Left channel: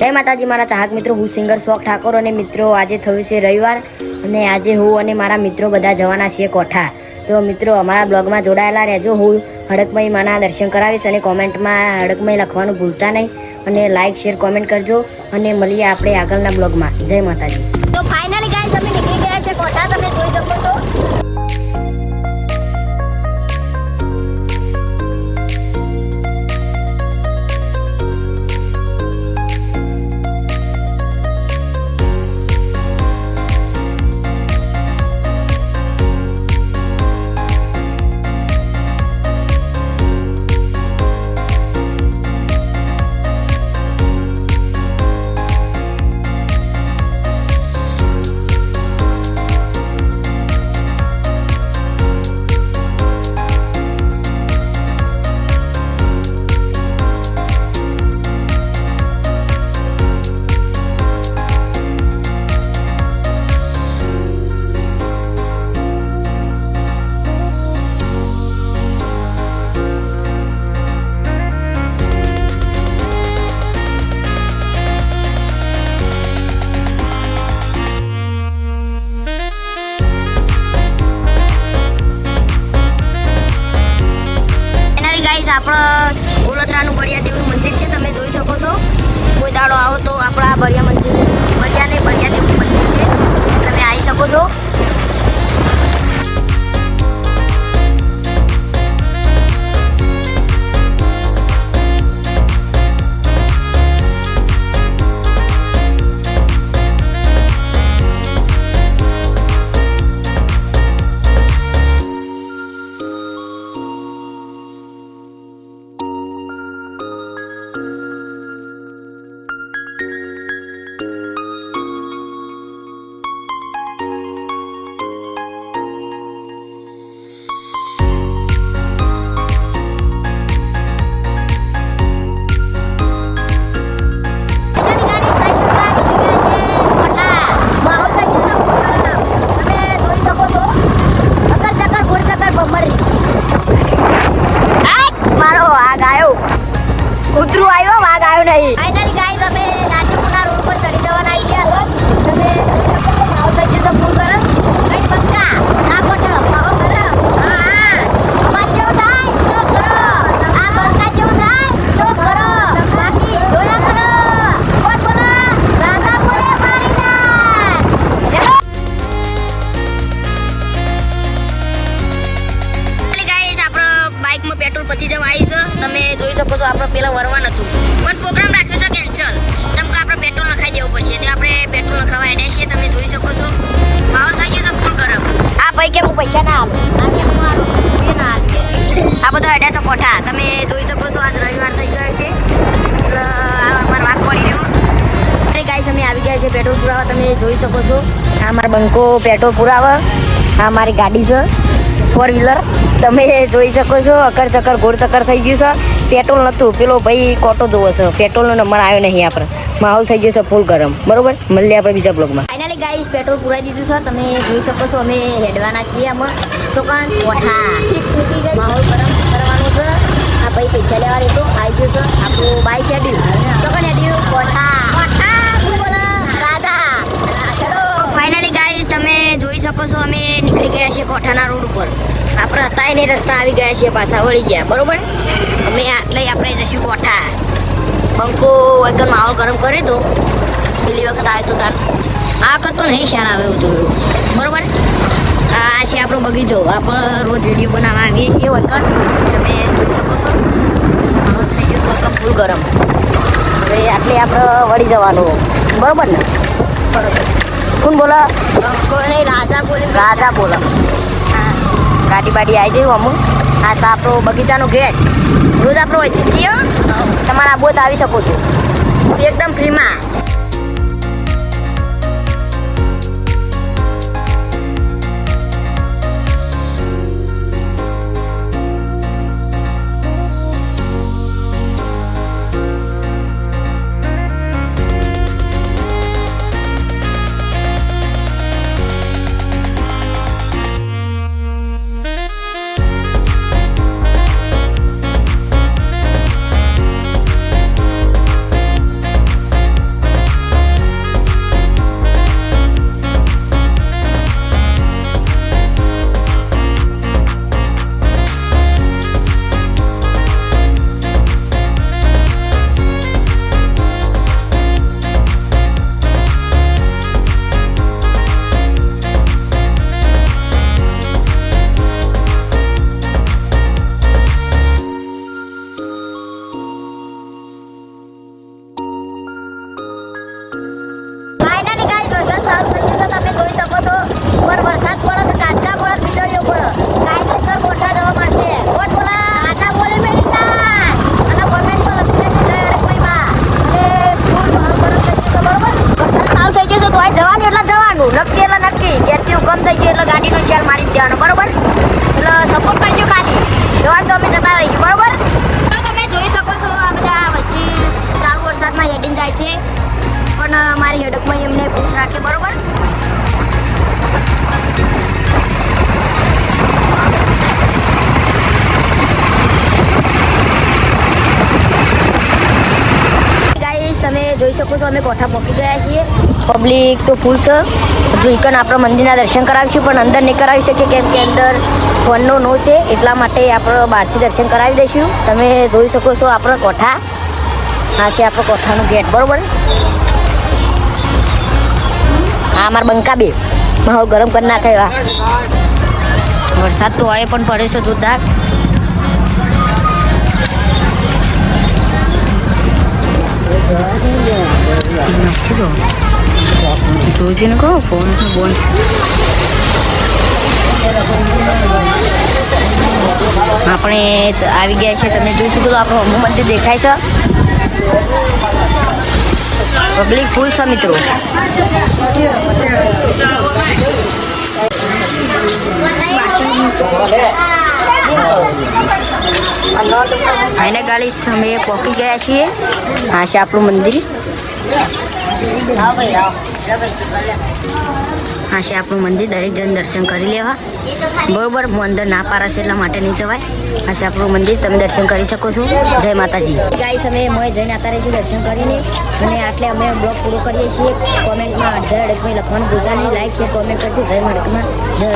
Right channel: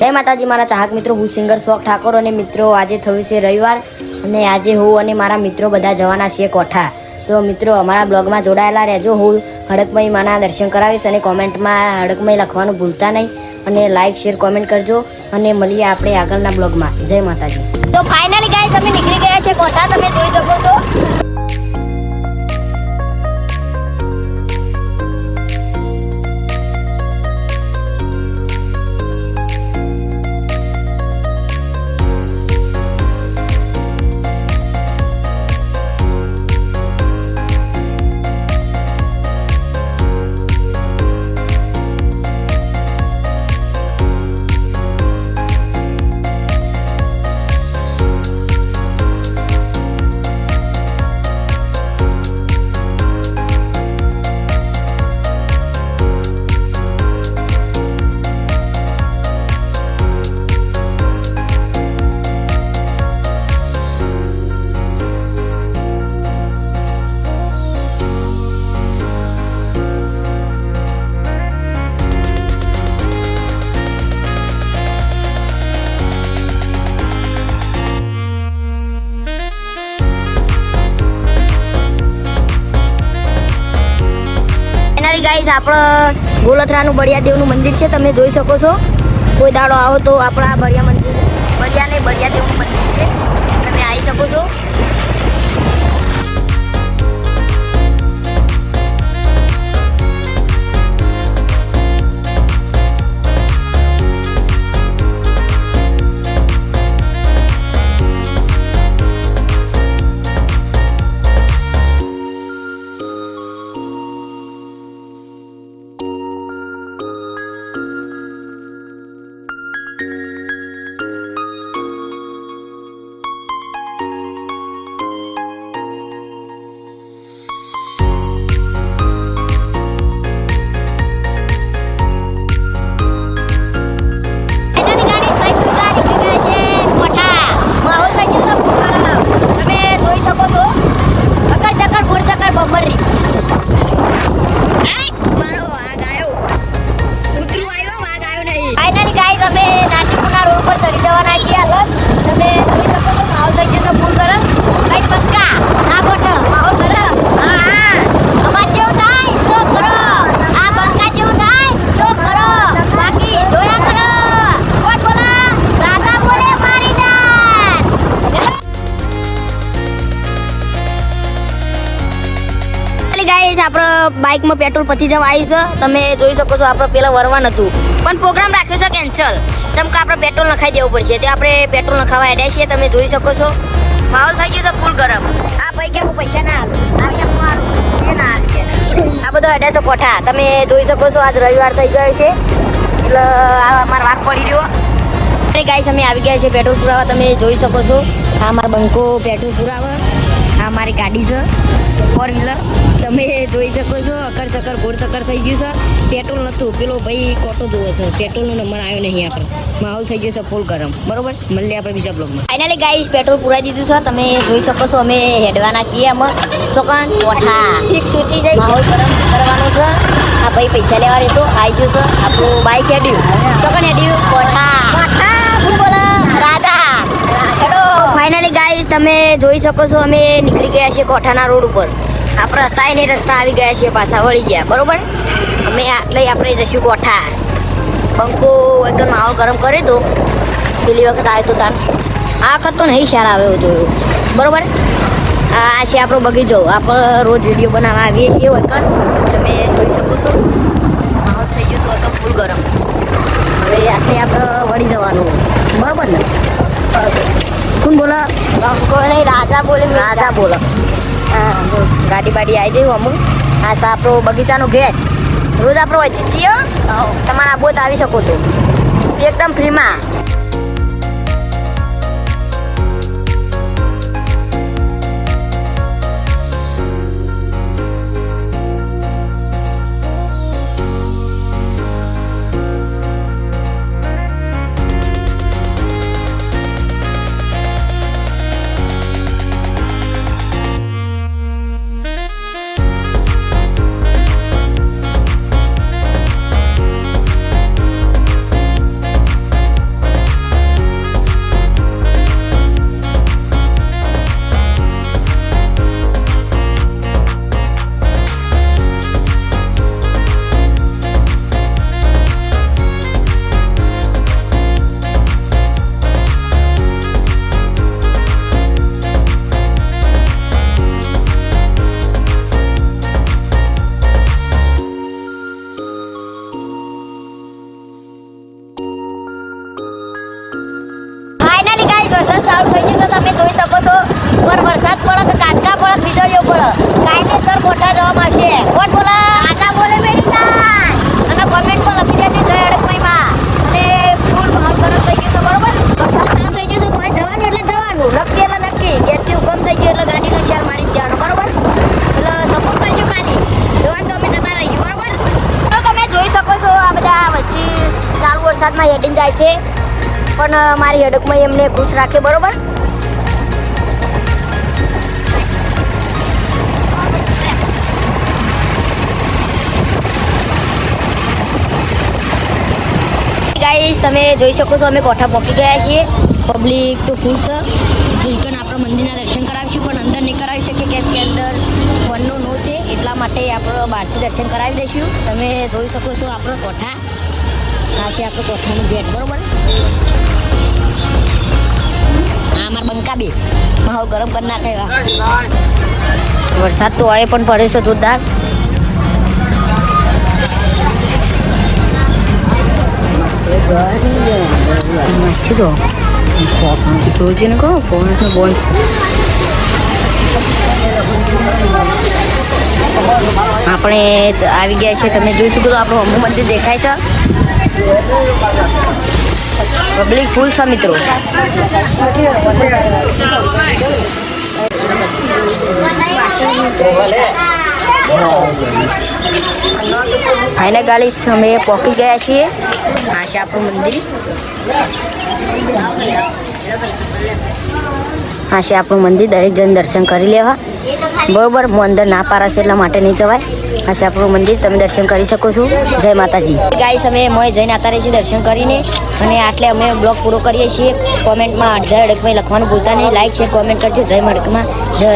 જય માતાજી મારા ચાહક મિત્રો, હું સિંગર શોક ઠાકોર અને મિત્રો આજે થયું છે રવિવાર અને આજે હું અને મારા મિત્રો બધા જવાના છીએ કોઠા. તો મિત્રો અમારા બ્લોગમાં જોડાયેલા રહેજો. હું હડકમઈ માના દર્શન કરાવીશ અને કોમેન્ટમાં હડકમઈ લખવાનું ભૂલતા નહીં અને લાઈક શેર કોમેન્ટ કરજો અને મળીએ આપણે આગળના બ્લોગમાં. જય માતાજી. તો ફાઇનલી ગાઈસ અમે નીકળી ગયા છે કોઠા, તમે જોઈ શકો છો. ગાઈસ આપણે ગોલથરાનું બળિયાદેવનું મંદિર છે, તમે જોઈ શકો છો. કોઈ દાડો આવો તો આપણા બળિયાદેવનું મંદિર છે, તમે આવી શકો છો. મારો વાઘ આવ્યો, કૂતરું આવ્યો, વાઘ આવ્યો નહીં. ફાઇનલી ગાઈસ અમે નાટીપુરના રોડ પર ચડી જવાના છીએ. હાલત તમે જોઈ શકો છો, માહોલ થઈ ગયો તો ફૂલ ગરમ. ભાઈ પક્કા આ બોટ માહોલ ગરમ. હા અમાર જેવું થાય તો કરો, આ પક્કા જેવું થાય તો કરો, બાકી જોયા કરો. કોણ બોલા? રાજા બોલે મારી જાન. આપણે બાઇકમાં પેટ્રોલ પતી જવા આવ્યું છે, તમે જોઈ શકો છો. આપણે પેલા વરવાનું હતું પણ પ્રોગ્રામ રાખ્યો છે કેન્સલ, ચમકા આપણે પેટ્રોલ નખાઈ દેવું પડશે. તે આપણે પેટ્રોલ નખાવા હેડ્યા છીએ, તમે જોઈ શકો છો. માહોલ થઈ ગયો છે ફૂલ ગરમ. આ ભાઈ કે હું પૈસા ના આલું, આ કે હું આલું ના આલું. આ બધા હેડ્યા છે કોઠા, તમે જોઈ શકો છો. આજ રવિવાર થઈ ગયો છે એટલે આ અમારો વાઘ પડી રહ્યો. અરે ગાઈસ અમે આવી ગયા છે પેટ્રોલ પુરાવા, તમે જોઈ શકો છો. આ અમારા બંકો પેટ્રોલ પુરાવા. આ અમારી ગાડી છે ફોર વ્હીલર, તમે જોઈ શકો છો. અકર ચક્કર ગોળ ચક્કર થઈ ગયું છે. પેટ્રોલ નહોતું, પેલો ભાઈ કોટો જોવો છે, પેટ્રોલનો નંબર આવ્યો નહીં. આપણે માહોલ થઈ ગયો છે ફૂલ ગરમ. બરોબર, મળીએ આપણે બીજા બ્લોગમાં. ફાઇનલી ગાઈસ પેટ્રોલ પુરાઈ દીધું છે, તમે જોઈ શકો છો. અમે હેડવાના છીએ આમાં ચોકન કોઠા. માહોલ ગરમ કરવાનું છે. આ ભાઈ પૈસા લેવા રહેતો આવી ગયો છે. આપણું બાઈક હેડ્યું ચોકન હેડ્યું કોઠા. ફૂલ બોલો રાજા. ફાઇનલી ગાઈસ તમે જોઈ શકો છો. અમે નીકળી ગયા છીએ કોઠાના રોડ ઉપર. આપણે હતા ને રસ્તા આવી ગયા છીએ, પાછા વળી ગયા. બરોબર, અમે આટલે આપણે જઈશું કોઠા. બંકો એકદમ માહોલ ગરમ કરી દો. પેલી વખત આવ્યો તો તાર, આ વખત તો નહીં શાર આવ્યો જોયું. બરોબર, આ છે આપણો બગીચો. આપણે રોજ વિડીયો બનાવવા આવીએ છીએ. એકન તમે જોઈ શકો છો. માહોલ થઈ ગયો છે એકદમ ફૂલ ગરમ. હવે આટલે આપણે વળી જવાનું. બરોબર ને? કોણ બોલા? બંકો નહીં, રાજા બોલે. રાજા બોલો. ગાડી બાડી આવી જાય અમુક. આ છે આપણો બગીચાનો ગેટ. રોજ આપણો હોય છીએ, તમારા બોટ આવી શકો છો એકદમ ફ્રીમાં. ચાલુ થઈ ગયું તો તમે જોઈ શકો છો પર વરસાદ પડે કે કાટકા પડે વીજળીઓ પડે કાયદેસર કોઠા જવામાં આવશે કોણ બોલે આજા બોલે બેટી અને કોમેન્ટ પર લખી દેજો જય અડકમઈમાં અને ફૂલ ભાવ ગરમ થઈ ગયું તો બરોબર વરસાદ ચાલુ થઈ ગયો તો આ જવાનું એટલે જવાનું નક્કી એટલે નક્કી ગેટથી હુકમ થઈ ગયો એટલે ગાડીનો શેલ મારી જ દેવાનો બરોબર એટલે સપોર્ટ કરજો ખાલી જવાનું તો અમે જતા રહીશું બરોબર તો તમે જોઈ શકો છો આ બધા વચ્ચે ચાલુ વરસાદમાં હેડીને જાય છે પણ મારી હડકમાં એમને ખુશ રાખે બરોબર ગાઈસ તમે જોઈ શકો છો અમે કોઠા પહોંચી ગયા છીએ પબ્લિક તો ફૂલ છે જોઈકન આપણા મંદિરના દર્શન કરાવીશું પણ અંદર નહીં કરાવી શકીએ કેમ કે અંદર ફોનનો નો છે એટલા માટે આપણે બહારથી દર્શન કરાવી દઈશું તમે જોઈ શકો છો આપણો કોઠા આ છે આપણો કોઠાનું ગેટ બરોબર આ અમારા બંકા બે માહોલ ગરમ કરી નાખે વરસાદ તો આવે પણ પડે છે જોરદાર નાખી દો જોજે ને કહો ફોન બોલ છે આપણે આવી ગયા છે તમે જોઈ શકો તો આપણું હમુ મંદિર દેખાય છે પબ્લિક ફૂલ છે મિત્રો ફાઇનલ ગાલી અમે પહોંચી ગયા છીએ આ છે આપણું મંદિર આ છે આપણું મંદિર દરેક જણ દર્શન કરી લેવા બરોબર હું અંદર ના પારાશે એટલા માટે નહીં જવાય આ છે આપણું મંદિર તમે દર્શન કરી શકો છો જય માતાજી ગાઈસ અમે મોય જઈને આતા રહીએ છીએ દર્શન કરીને અને આટલે અમે બ્લોગ પૂરો કરીએ છીએ કોમેન્ટમાં જય અડકમાં લખવાનું ભૂલતા નહીં લાઈક શેર કોમેન્ટ કરજો જય મડકમાં જય